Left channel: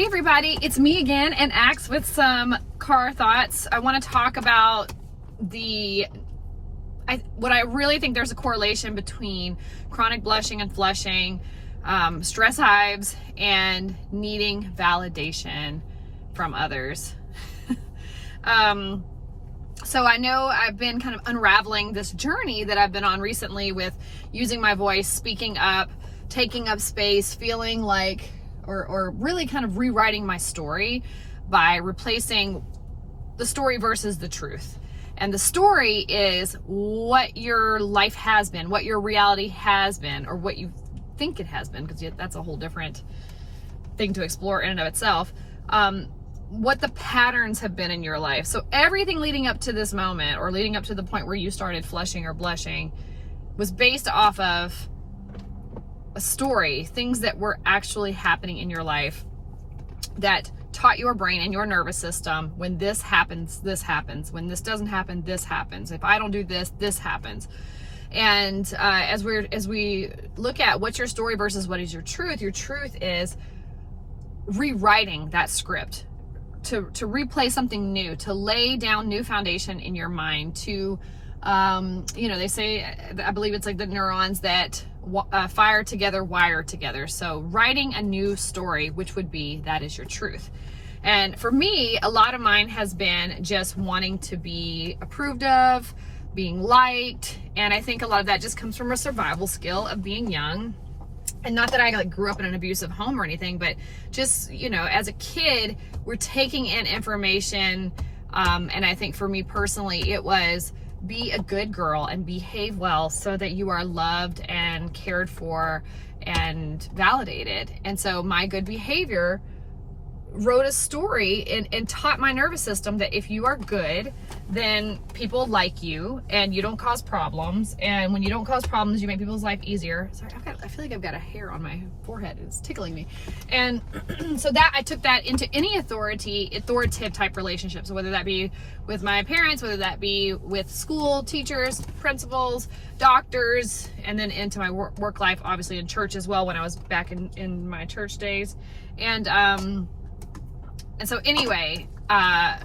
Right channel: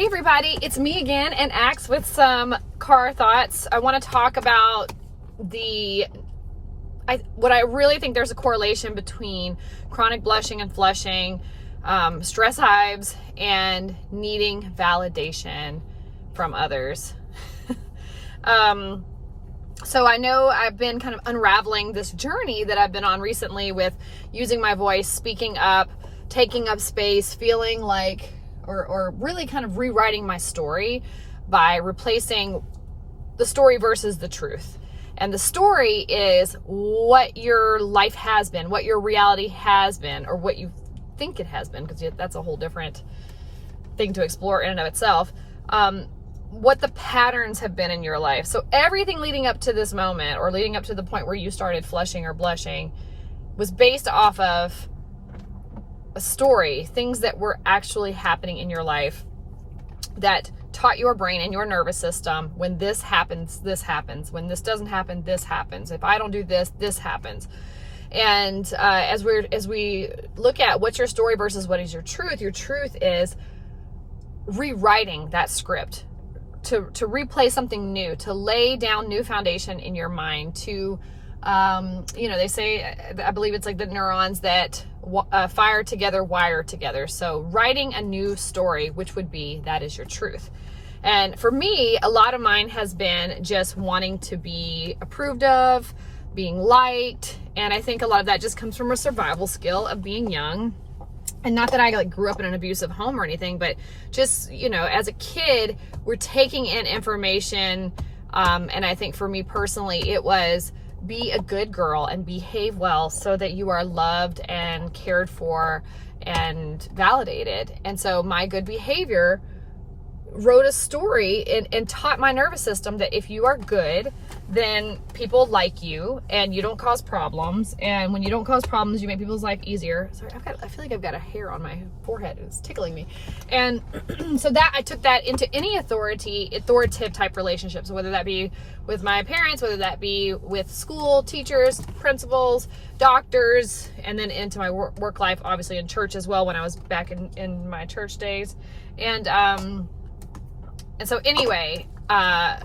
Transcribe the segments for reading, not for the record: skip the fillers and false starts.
Hey everybody, it's me again and Axe with some car thoughts. I want to talk about what I really think there's a correlation between chronic blushing and flushing, stress hives, and needing validation from others. So I know I've been kind of unraveling this journey that I've been on recently with using my voice, speaking up, taking up space, feeling like or really kind of rewriting my story by replacing the story versus the truth. And the story is what your life has been, what your reality has been, or what you think it has been, because that's a whole different thing to explore in and of itself. What the patterns have been in your life. So everything leading up to this moment, or leading up to the point where you started flushing or blushing, was based off of a story, things that were actually happening in your life that taught your brain and your nervous system, when this happens, this happens. When this doesn't happen, this happens. If I don't do this, this happens. And as we look at what's your story versus what is your truth is rewriting that script to replay something new, to lay down new foundation in your mind, to they say, I believe it's like the neurons that fire together, wire together. So writing a new story, which would be, that is your truth. And for me, a lot of mine has been just wanting to be approved of, being liked. And I think a lot of that just comes from a survival skill of being young. And not that I grew up in an abusive home or anything, but just, as a kid, we're taking in information. And I think for me personally, it was be a good girl and behave well so that you are loved and cared for and validated. And so my good behavior wrote a story and taught my nervous system that if you are good, then people like you and you don't cause problems. And when you don't cause problems, you make people's life easier. Sorry, I feel like I've got a hair on my forehead. It's tickling me. And so that I took that into any authoritative type relationships. So whether that be with my parents, whether that be with school teachers, principals, doctors, and then into my work life, obviously in church as well, when I was back in my church days. And so anyway, I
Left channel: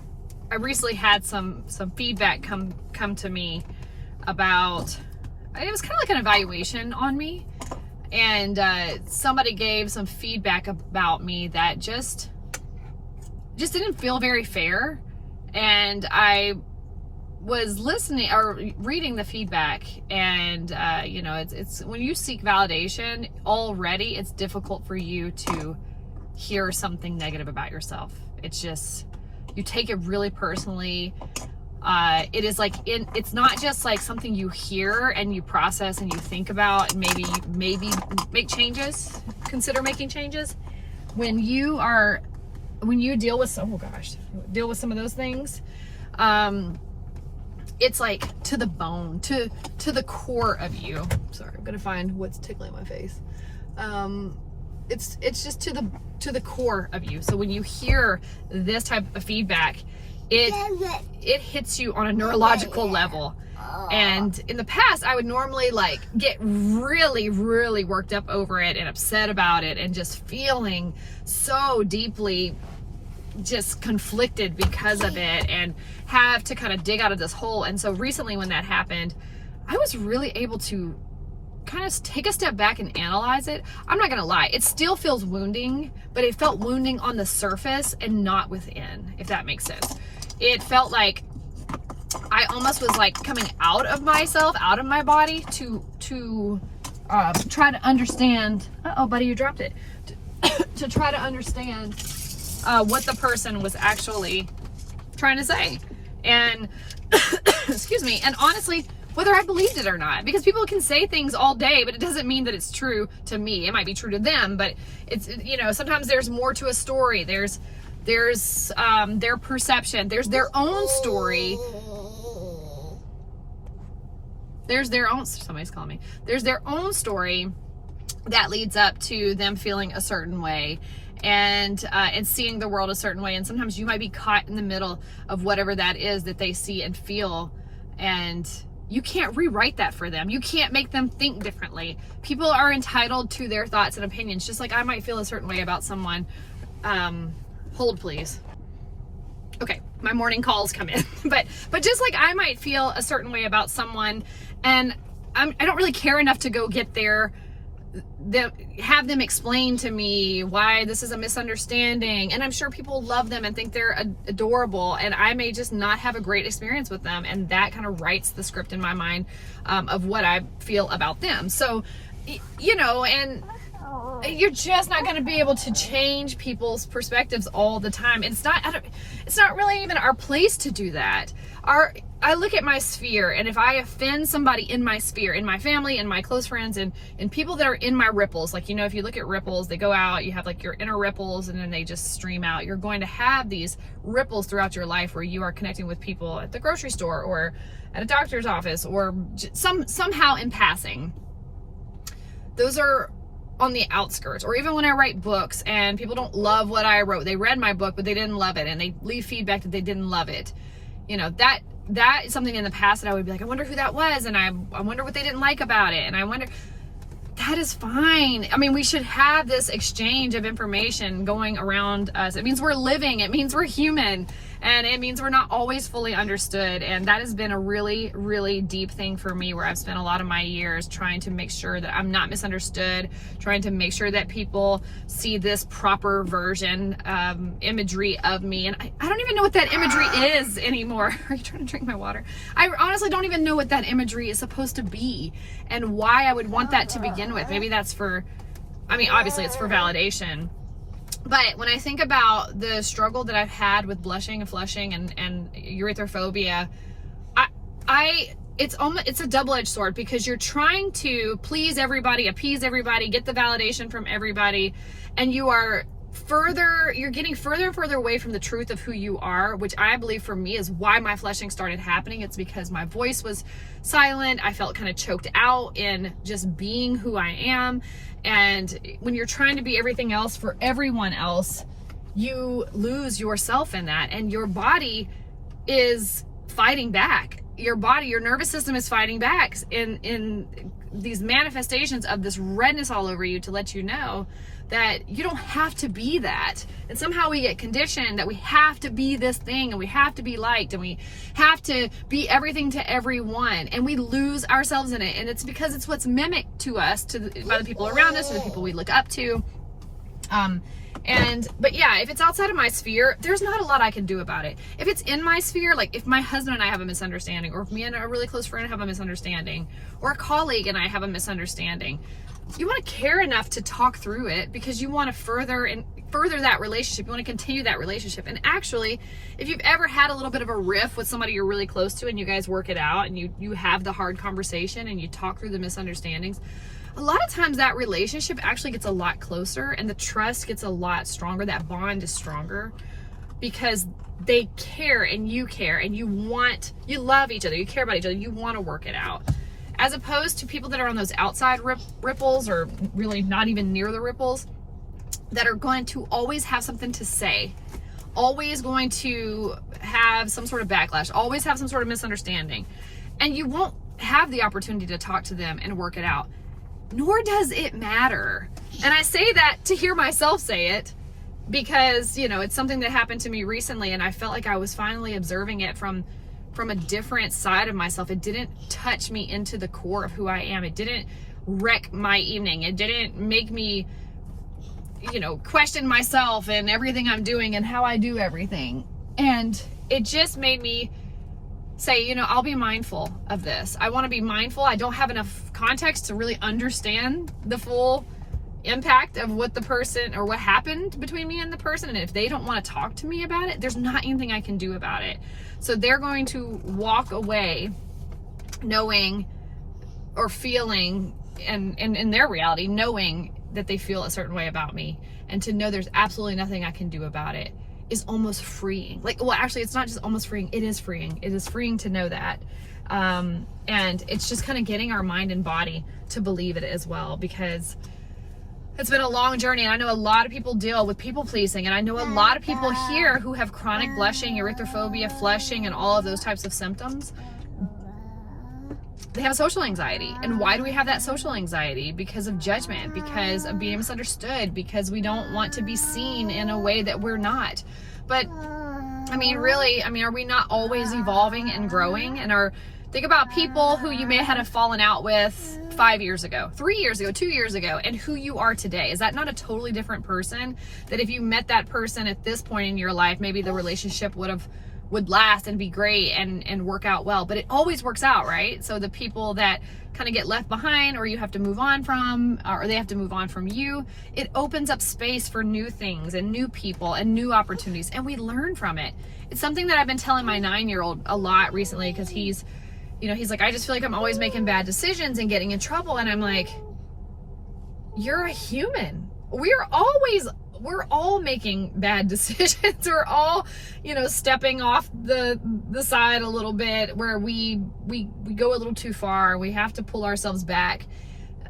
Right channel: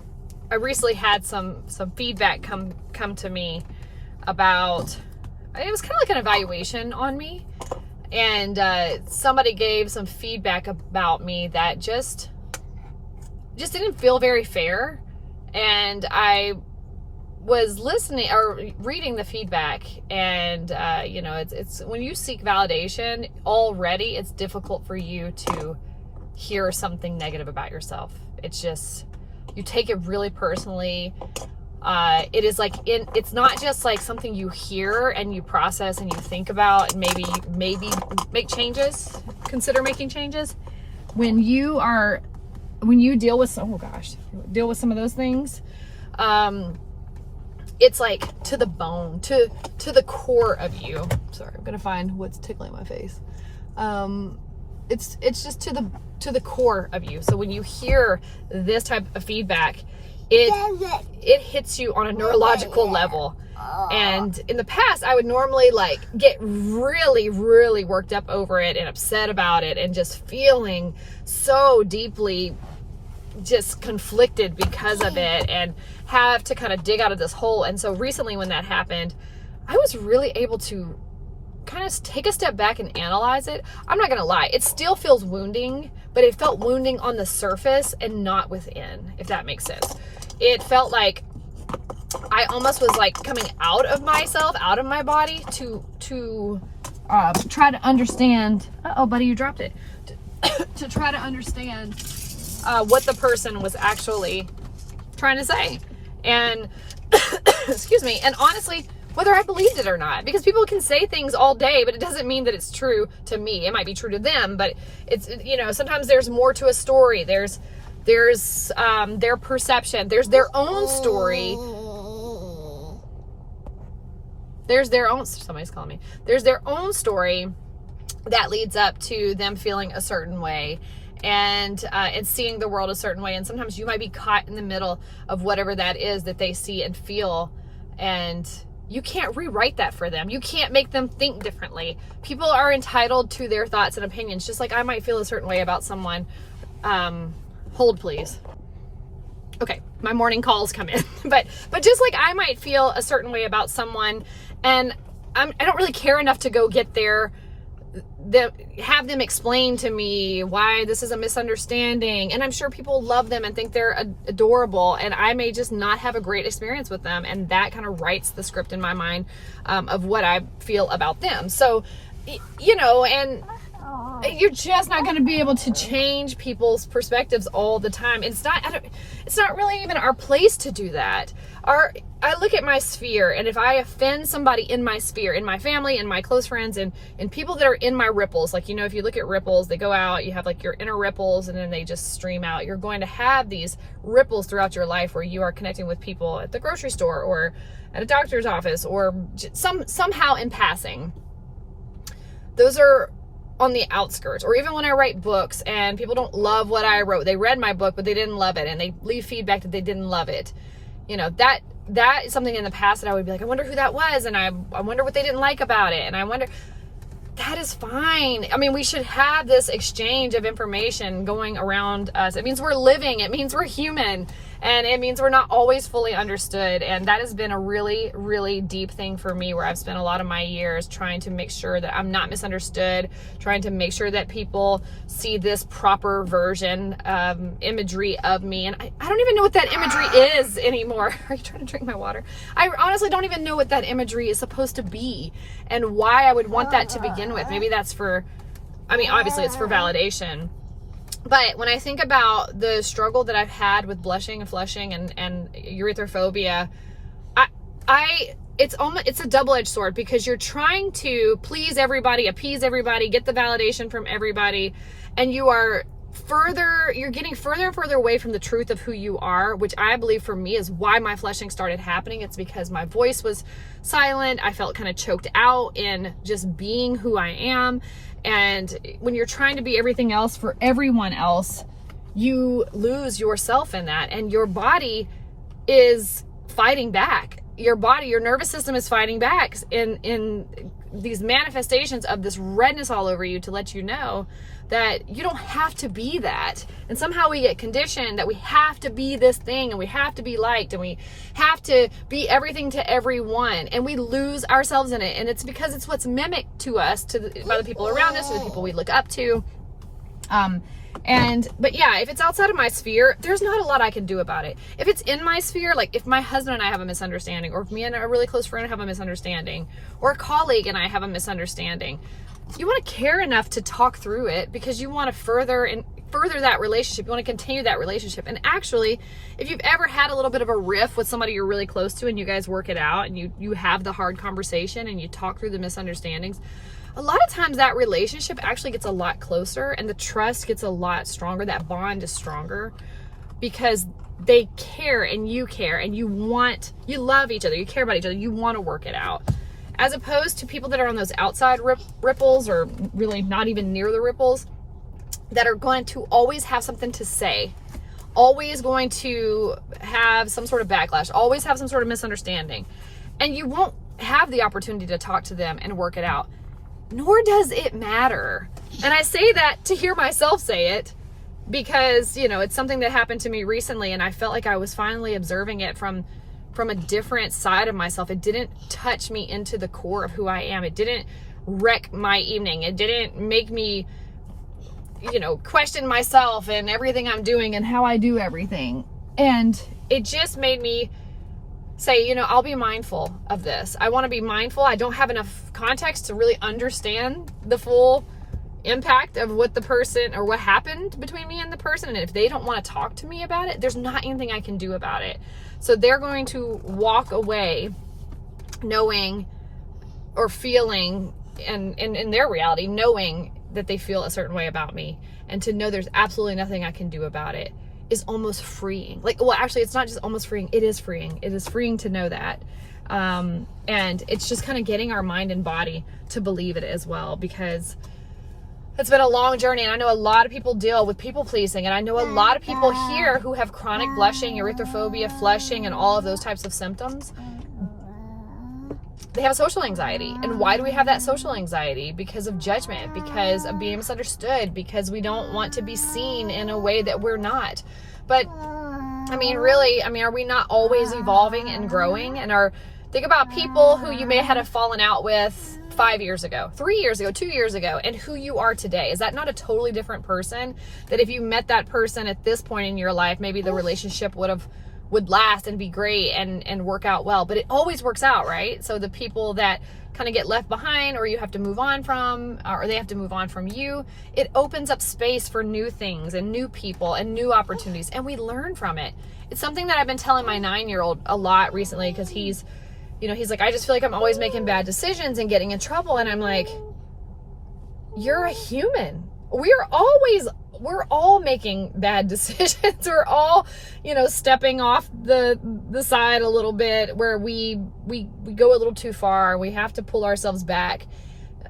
recently had some feedback come to me about, it was kind of like an evaluation on me. And somebody gave some feedback about me that just didn't feel very fair. And I was listening or reading the feedback, and it's when you seek validation already, it's difficult for you to hear something negative about yourself. It's just, you take it really personally. It is like, it's not just like something you hear and you process and you think about and maybe make changes, consider making changes. When you deal with some of those things, it's like to the bone, to the core of you. Sorry, I'm gonna find what's tickling my face. It's just to the core of you. So when you hear this type of feedback, it hits you on a neurological level. And in the past, I would normally get really, really worked up over it and upset about it, and just feeling so deeply just conflicted because of it, and have to kind of dig out of this hole. And so recently when that happened, I was really able to kind of take a step back and analyze it. I'm not gonna lie, it still feels wounding, but it felt wounding on the surface and not within, if that makes sense. It felt like I almost was like coming out of myself, out of my body, to try to understand. Uh-oh, buddy, you dropped it. To try to understand what the person was actually trying to say. And excuse me, and honestly, whether I believed it or not, because people can say things all day, but it doesn't mean that it's true to me. It might be true to them, but it's, sometimes there's more to a story. There's their perception. There's their own story. Somebody's calling me. There's their own story that leads up to them feeling a certain way and seeing the world a certain way. And sometimes you might be caught in the middle of whatever that is that they see and feel, and you can't rewrite that for them. You can't make them think differently. People are entitled to their thoughts and opinions, just like I might feel a certain way about someone hold please. Okay, my morning calls come in. but just like I might feel a certain way about someone, and I don't really care enough to go get there, have them explain to me why this is a misunderstanding. And I'm sure people love them and think they're adorable, and I may just not have a great experience with them, and that kind of writes the script in my mind of what I feel about them. So, you know, and you're just not going to be able to change people's perspectives all the time. It's not really even our place to do that. I look at my sphere, and if I offend somebody in my sphere, in my family, in my close friends, and people that are in my ripples, like, you know, if you look at ripples, they go out, you have like your inner ripples, and then they just stream out. You're going to have these ripples throughout your life where you are connecting with people at the grocery store or at a doctor's office or somehow in passing. Those are on the outskirts. Or even when I write books and people don't love what I wrote, they read my book, but they didn't love it, and they leave feedback that they didn't love it. You know, that is something in the past that I would be like, I wonder who that was, and I wonder what they didn't like about it, and I wonder, that is fine. I mean, we should have this exchange of information going around us. It means we're living, it means we're human, and it means we're not always fully understood. And that has been a really, really deep thing for me, where I've spent a lot of my years trying to make sure that I'm not misunderstood, trying to make sure that people see this proper version imagery of me. And I don't even know what that imagery is anymore. Are you trying to drink my water? I honestly don't even know what that imagery is supposed to be and why I would want that to begin with. Maybe that's for, I mean, obviously it's for validation. But when I think about the struggle that I've had with blushing and flushing and erythrophobia, it's a double-edged sword, because you're trying to please everybody, appease everybody, get the validation from everybody, and you're getting further and further away from the truth of who you are, which I believe for me is why my flushing started happening. It's because my voice was silent. I felt kind of choked out in just being who I am. And when you're trying to be everything else for everyone else, you lose yourself in that, and your body is fighting back. Your nervous system is fighting back in these manifestations of this redness all over you to let you know that you don't have to be that. And somehow we get conditioned that we have to be this thing, and we have to be liked, and we have to be everything to everyone, and we lose ourselves in it. And it's because it's what's mimicked to us by the people around us, and the people we look up to. But yeah, if it's outside of my sphere, there's not a lot I can do about it. If it's in my sphere, like if my husband and I have a misunderstanding, or if me and a really close friend have a misunderstanding, or a colleague and I have a misunderstanding, you want to care enough to talk through it, because you want to further that relationship. You want to continue that relationship. And actually, if you've ever had a little bit of a riff with somebody you're really close to, and you guys work it out, and you have the hard conversation, and you talk through the misunderstandings, a lot of times that relationship actually gets a lot closer, and the trust gets a lot stronger. That bond is stronger because they care, and you care, and you love each other, you care about each other, you want to work it out. As opposed to people that are on those outside ripples, or really not even near the ripples, that are going to always have something to say, always going to have some sort of backlash, always have some sort of misunderstanding, and you won't have the opportunity to talk to them and work it out, nor does it matter. And I say that to hear myself say it, because, you know, it's something that happened to me recently, and I felt like I was finally observing it from a different side of myself. It didn't touch me into the core of who I am. It didn't wreck my evening. It didn't make me, you know, question myself and everything I'm doing and how I do everything. And it just made me say, you know, I'll be mindful of this. I want to be mindful. I don't have enough context to really understand the full impact of what the person, or what happened between me and the person. And if they don't want to talk to me about it, there's not anything I can do about it. So they're going to walk away knowing, or feeling, and in their reality, knowing that they feel a certain way about me. And to know there's absolutely nothing I can do about it is almost freeing. Like, well, actually, it's not just almost freeing. It is freeing. It is freeing to know that. And it's just kind of getting our mind and body to believe it as well, because it's been a long journey, and I know a lot of people deal with people pleasing, and I know a lot of people here who have chronic blushing, erythrophobia, flushing, and all of those types of symptoms. they have social anxiety. And why do we have that social anxiety? Because of judgment, because of being misunderstood, because we don't want to be seen in a way that we're not. But I mean, really, I mean, are we not always evolving and growing? And think about people who you may have fallen out with 5 years ago, 3 years ago, 2 years ago, and who you are today. Is that not a totally different person? That if you met that person at this point in your life, maybe the relationship would last and be great and work out well. But it always works out, right? So the people that kind of get left behind, or you have to move on from, or they have to move on from you, it opens up space for new things and new people and new opportunities, and we learn from it. It's something that I've been telling my 9-year-old a lot recently, because he's like, I just feel like I'm always making bad decisions and getting in trouble. And I'm like, you're a human. We're all making bad decisions. We're all, stepping off the side a little bit, where we go a little too far. We have to pull ourselves back.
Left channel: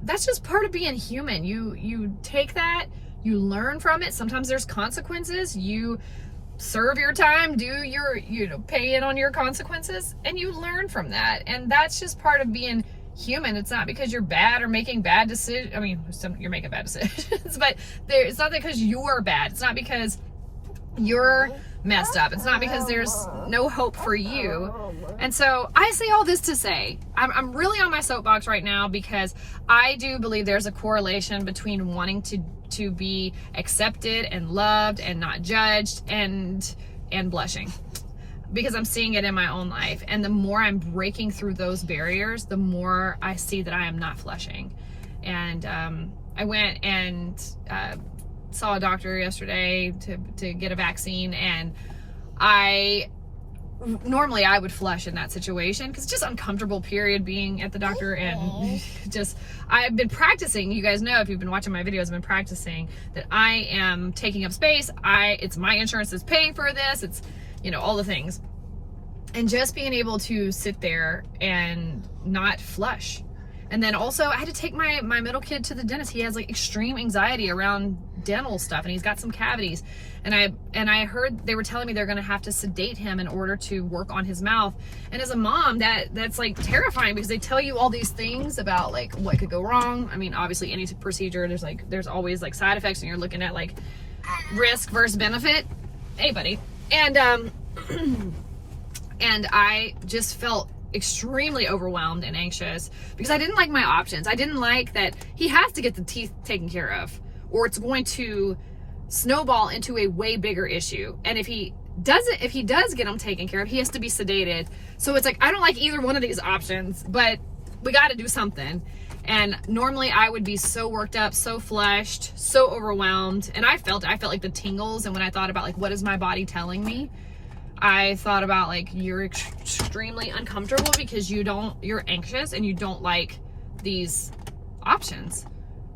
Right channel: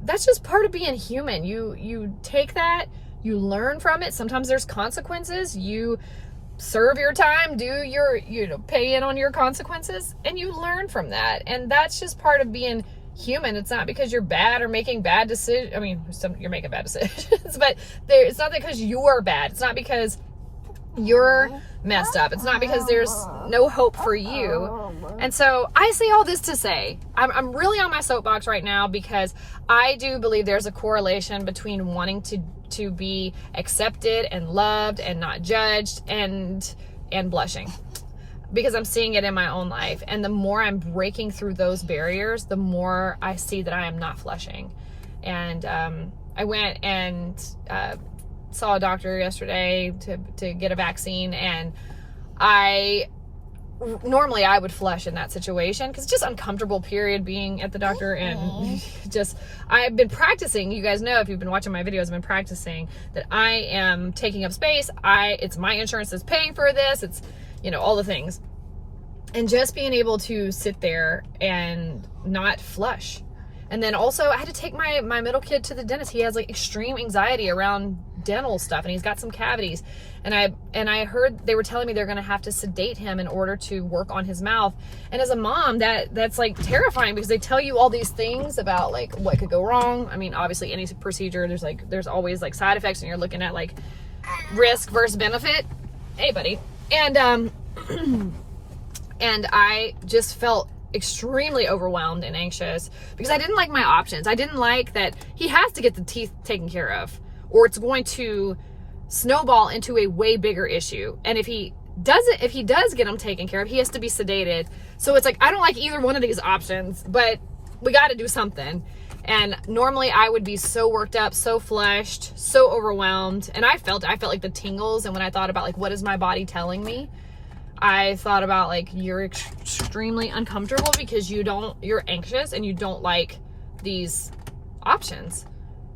That's just part of being human. You take that, you learn from it. Sometimes there's consequences. You serve your time, do your, pay in on your consequences, and you learn from that. And that's just part of being human. It's not because you're bad or making bad decisions. I mean, you're making bad decisions, but it's not because you're bad. It's not because you're messed up. It's not because there's no hope for you. And so I say all this to say, I'm really on my soapbox right now, because I do believe there's a correlation between wanting to be accepted and loved and not judged and blushing, because I'm seeing it in my own life. And the more I'm breaking through those barriers, the more I see that I am not flushing. And I went and saw a doctor yesterday to get a vaccine, and normally I would flush in that situation, because it's just uncomfortable, period, being at the doctor. And I've been practicing. You guys know, if you've been watching my videos, I've been practicing that I am taking up space. It's my insurance that's paying for this. It's, all the things. And just being able to sit there and not flush. And then also, I had to take my middle kid to the dentist. He has like extreme anxiety around dental stuff, and he's got some cavities. And I heard they were telling me they're going to have to sedate him in order to work on his mouth. And as a mom, that's like terrifying, because they tell you all these things about like what could go wrong. I mean, obviously any procedure, there's always like side effects, and you're looking at like risk versus benefit. Hey, buddy. And and I just felt extremely overwhelmed and anxious, because I didn't like my options. I didn't like that he has to get the teeth taken care of, or it's going to snowball into a way bigger issue. And if he does get them taken care of, he has to be sedated. So it's like, I don't like either one of these options, but we got to do something. And normally I would be so worked up, so flushed, so overwhelmed. And I felt like the tingles. And when I thought about like, what is my body telling me? I thought about like, you're extremely uncomfortable because you're anxious and you don't like these options.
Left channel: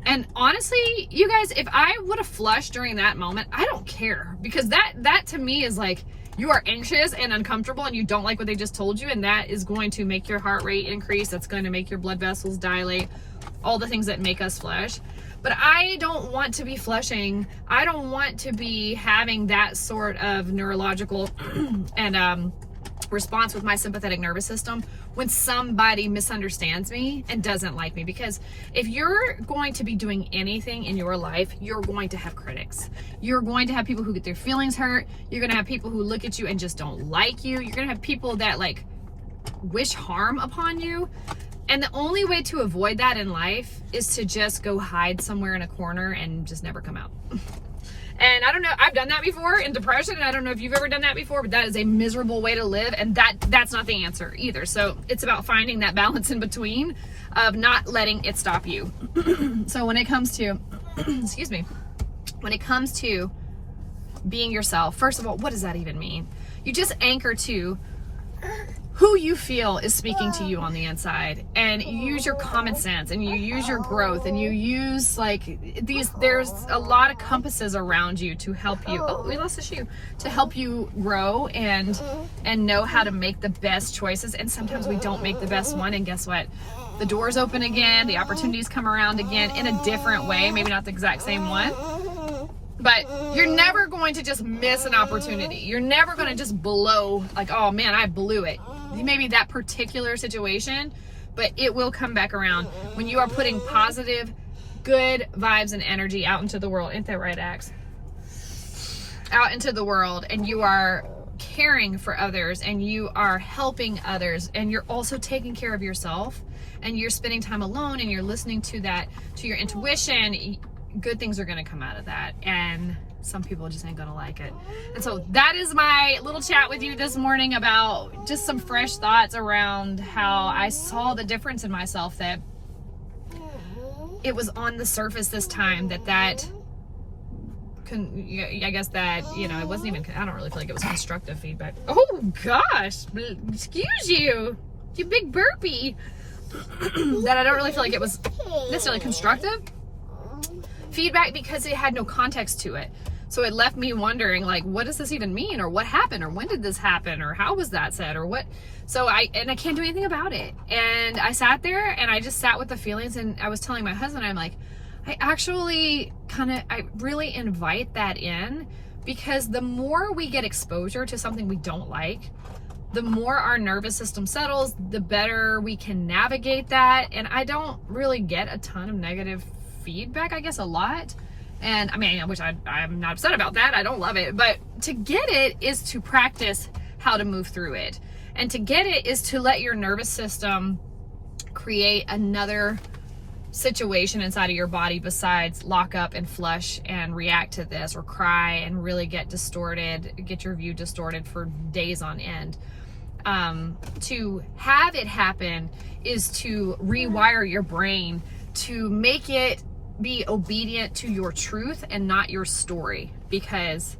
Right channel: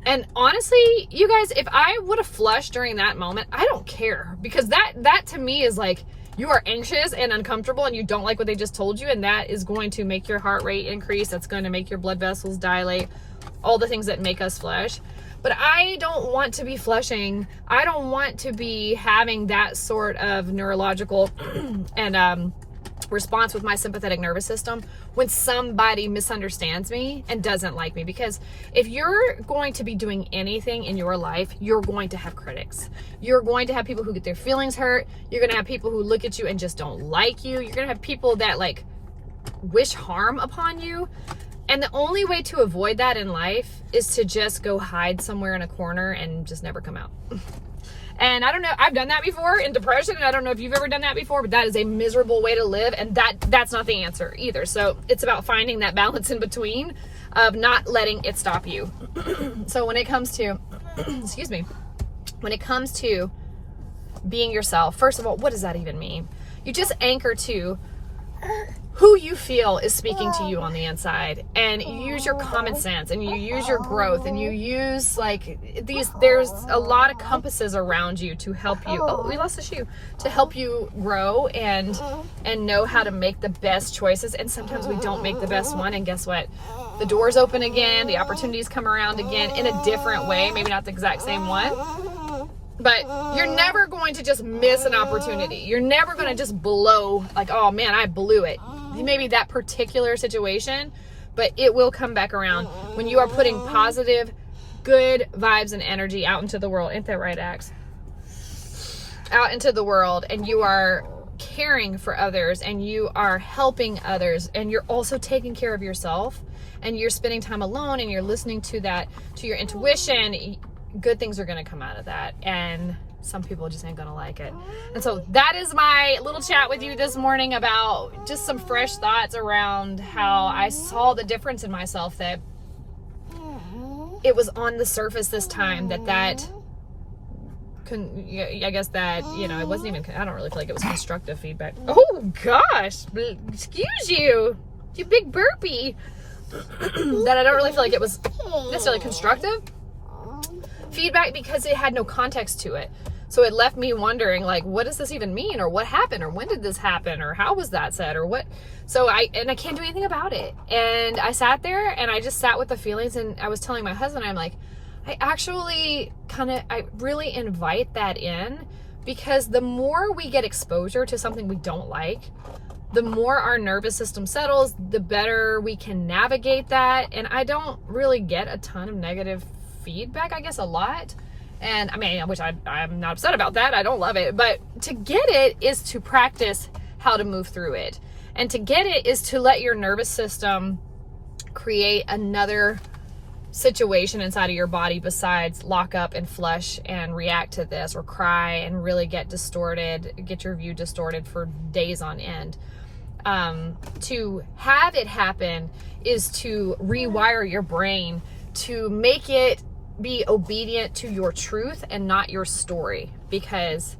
And honestly, you guys, if I would have flushed during that moment, I don't care, because that to me is like, you are anxious and uncomfortable and you don't like what they just told you, and that is going to make your heart rate increase. That's going to make your blood vessels dilate, all the things that make us flush. But I don't want to be flushing. I don't want to be having that sort of neurological and response with my sympathetic nervous system when somebody misunderstands me and doesn't like me. Because if you're going to be doing anything in your life, you're going to have critics. You're going to have people who get their feelings hurt. You're going to have people who look at you and just don't like you. You're going to have people that like wish harm upon you. And the only way to avoid that in life is to just go hide somewhere in a corner and just never come out. And I don't know, I've done that before in depression, and I don't know if you've ever done that before, but that is a miserable way to live, and that's not the answer either. So it's about finding that balance in between of not letting it stop you. So when it comes to, excuse me, when it comes to being yourself, first of all, what does that even mean? You just anchor to who you feel is speaking to you on the inside, and you use your common sense, and you use your growth, and you use like there's a lot of compasses around you to help you. Oh, we lost a shoe. To help you grow and know how to make the best choices. And sometimes we don't make the best one, and guess what? The doors open again, the opportunities come around again in a different way, maybe not the exact same one. But you're never going to just miss an opportunity. You're never going to just blow, like, oh man, I blew it. Maybe that particular situation, but it will come back around when you are putting positive, good vibes and energy out into the world. Ain't that right, Axe? Out into the world, and you are caring for others, and you are helping others, and you're also taking care of yourself, and you're spending time alone, and you're listening to your intuition. Good things are going to come out of that, and some people just ain't gonna like it. And so that is my little chat with you this morning about just some fresh thoughts around how I saw the difference in myself, that it was on the surface this time, I guess that, you know, it wasn't even, I don't really feel like it was constructive feedback. Oh gosh, excuse you, you big burpee. That I don't really feel like it was necessarily constructive feedback because it had no context to it. So it left me wondering, like, what does this even mean? Or what happened? Or when did this happen? Or how was that said? Or what? So I can't do anything about it. And I sat there and I just sat with the feelings, and I was telling my husband, I'm like, I really invite that in, because the more we get exposure to something we don't like, the more our nervous system settles, the better we can navigate that. And I don't really get a ton of negative feedback, I guess a lot. And I mean, which I'm not upset about that. I don't love it. But to get it is to practice how to move through it. And to get it is to let your nervous system create another situation inside of your body besides lock up and flush and react to this, or cry and really get your view distorted for days on end. To have it happen is to rewire your brain to make it be obedient to your truth and not your story, because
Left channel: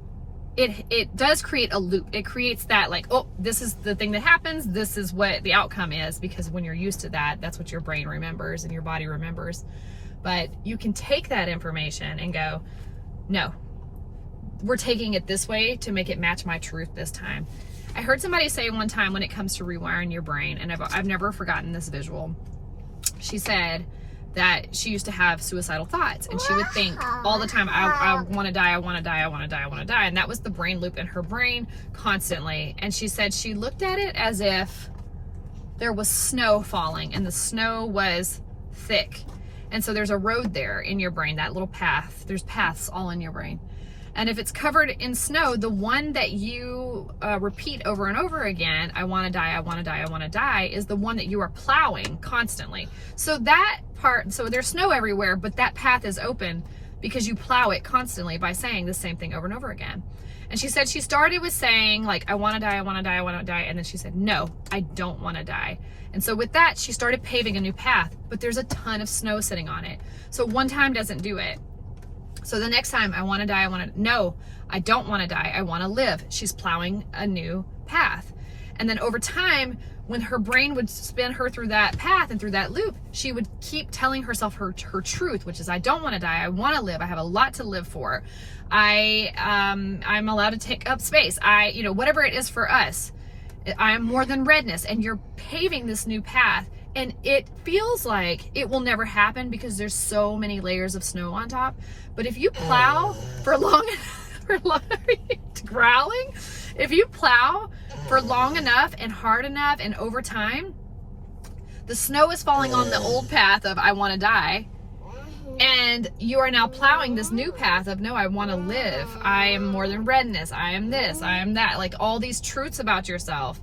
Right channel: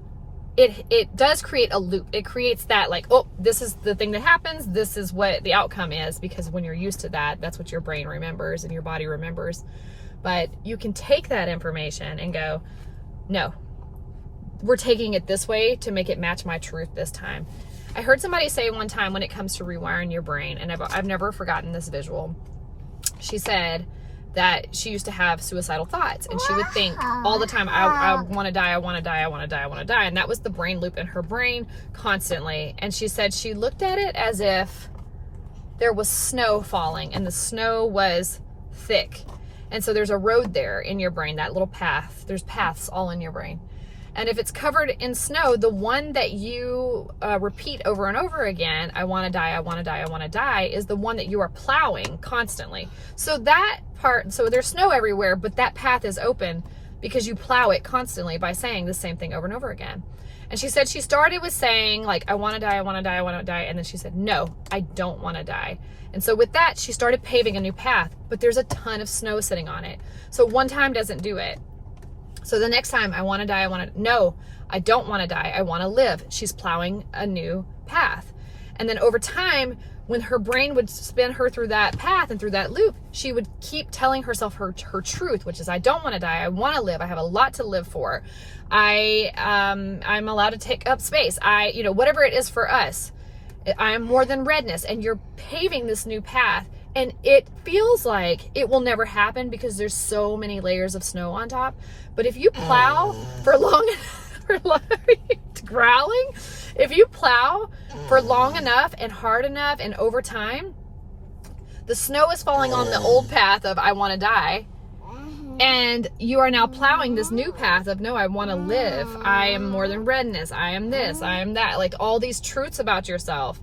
it does create a loop. It creates that, like, oh, this is the thing that happens, this is what the outcome is, because when you're used to that, that's what your brain remembers and your body remembers. But you can take that information and go, no, we're taking it this way to make it match my truth this time. I heard somebody say one time, when it comes to rewiring your brain, and I've never forgotten this visual, she said that she used to have suicidal thoughts, and she would think all the time, I want to die, I want to die, I want to die, I want to die. And that was the brain loop in her brain constantly. And she said she looked at it as if there was snow falling, and the snow was thick. And so there's a road there in your brain, that little path. There's paths all in your brain. And if it's covered in snow, the one that you repeat over and over again, I want to die, I want to die, I want to die, is the one that you are plowing constantly. So that part, so there's snow everywhere, but that path is open because you plow it constantly by saying the same thing over and over again. And she said she started with saying, like, I want to die, I want to die, I want to die. And then she said, no, I don't want to die. And so with that, she started paving a new path, but there's a ton of snow sitting on it. So one time doesn't do it. So the next time, I want to die, no, I don't want to die, I want to live. She's plowing a new path. And then over time, when her brain would spin her through that path and through that loop, she would keep telling herself her truth, which is, I don't want to die, I want to live, I have a lot to live for. I'm allowed to take up space. Whatever it is for us, I am more than redness. And you're paving this new path. And it feels like it will never happen because there's so many layers of snow on top. But if you plow for long, growling, if you plow for long enough and hard enough and over time, the snow is falling on the old path of I want to die. And you are now plowing this new path of, no, I want to live. I am more than redness. I am this, I am that. Like all these truths about yourself,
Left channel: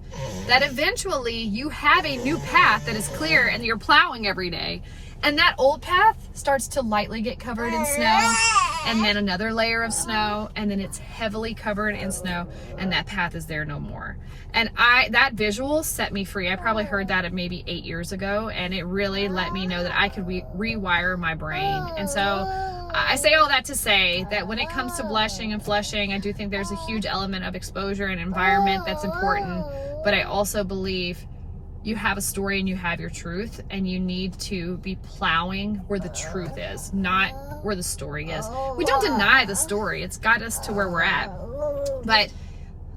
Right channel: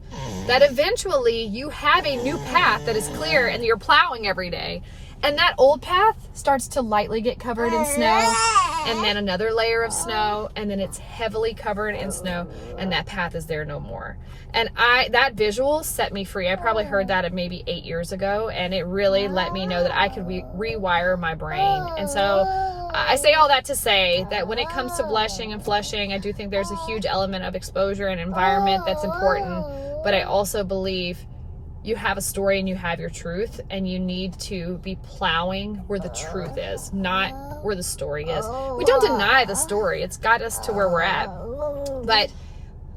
that eventually you have a new path that is clear and you're plowing every day. And that old path starts to lightly get covered in snow, and then another layer of snow, and then it's heavily covered in snow, and that path is there no more. And that visual set me free. I probably heard that maybe 8 years ago, and it really let me know that I could rewire my brain. And so I say all that to say that when it comes to blushing and flushing, I do think there's a huge element of exposure and environment that's important. But I also believe you have a story and you have your truth, and you need to be plowing where the truth is, not where the story is. We don't deny the story. It's got us to where we're at. But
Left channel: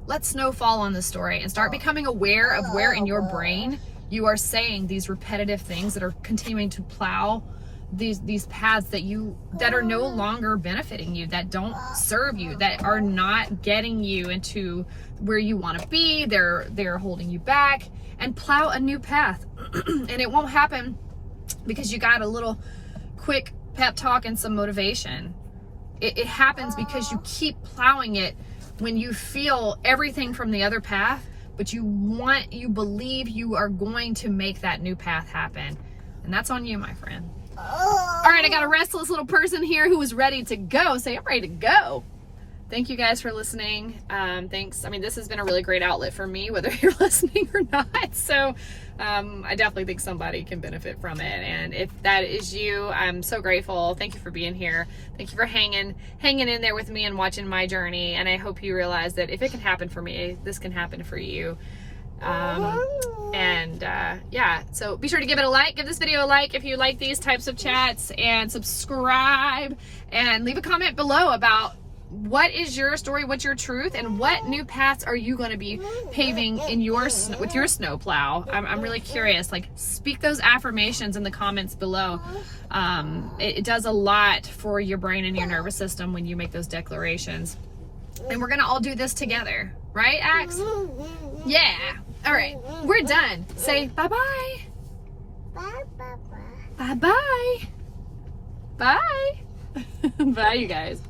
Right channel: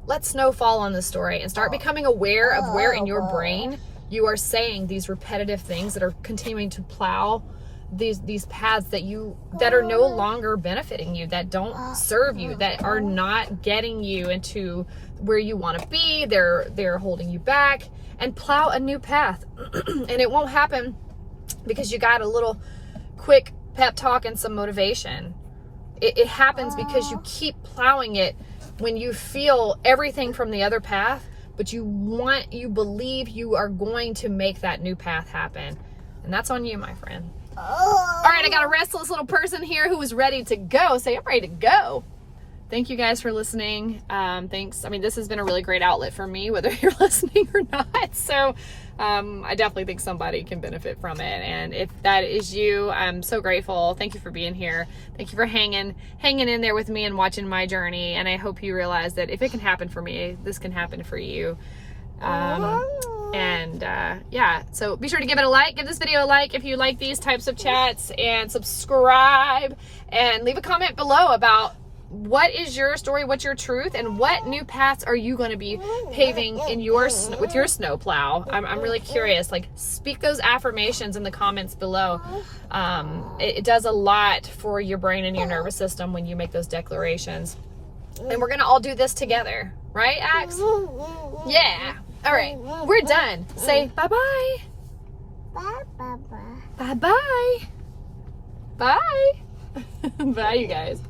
let snow fall on the story and start becoming aware of where in your brain you are saying these repetitive things that are continuing to plow these paths that are no longer benefiting you, that don't serve you, that are not getting you into where you want to be. They're holding you back, and plow a new path. And it won't happen because you got a little quick pep talk and some motivation. It happens because you keep plowing it when you feel everything from the other path, but you believe you are going to make that new path happen. And that's on you, my friend. All right, I got a restless little person here who is ready to go. Say, I'm ready to go. Thank you guys for listening. Thanks. I mean, this has been a really great outlet for me, whether you're listening or not. So I definitely think somebody can benefit from it. And if that is you, I'm so grateful. Thank you for being here. Thank you for hanging in there with me and watching my journey. And I hope you realize that if it can happen for me, this can happen for you. Yeah, so be sure to give it a like. Give this video a like if you like these types of chats, and subscribe, and leave a comment below about what is your story, what's your truth, and what new paths are you going to be paving in with your snow plow. I'm really curious. Like, speak those affirmations in the comments below. It does a lot for your brain and your nervous system when you make those declarations. And we're going to all do this together, right, Axe? Yeah. All right, we're done. Say bye-bye. Bye-bye. Bye-bye. Bye. Bye, you guys.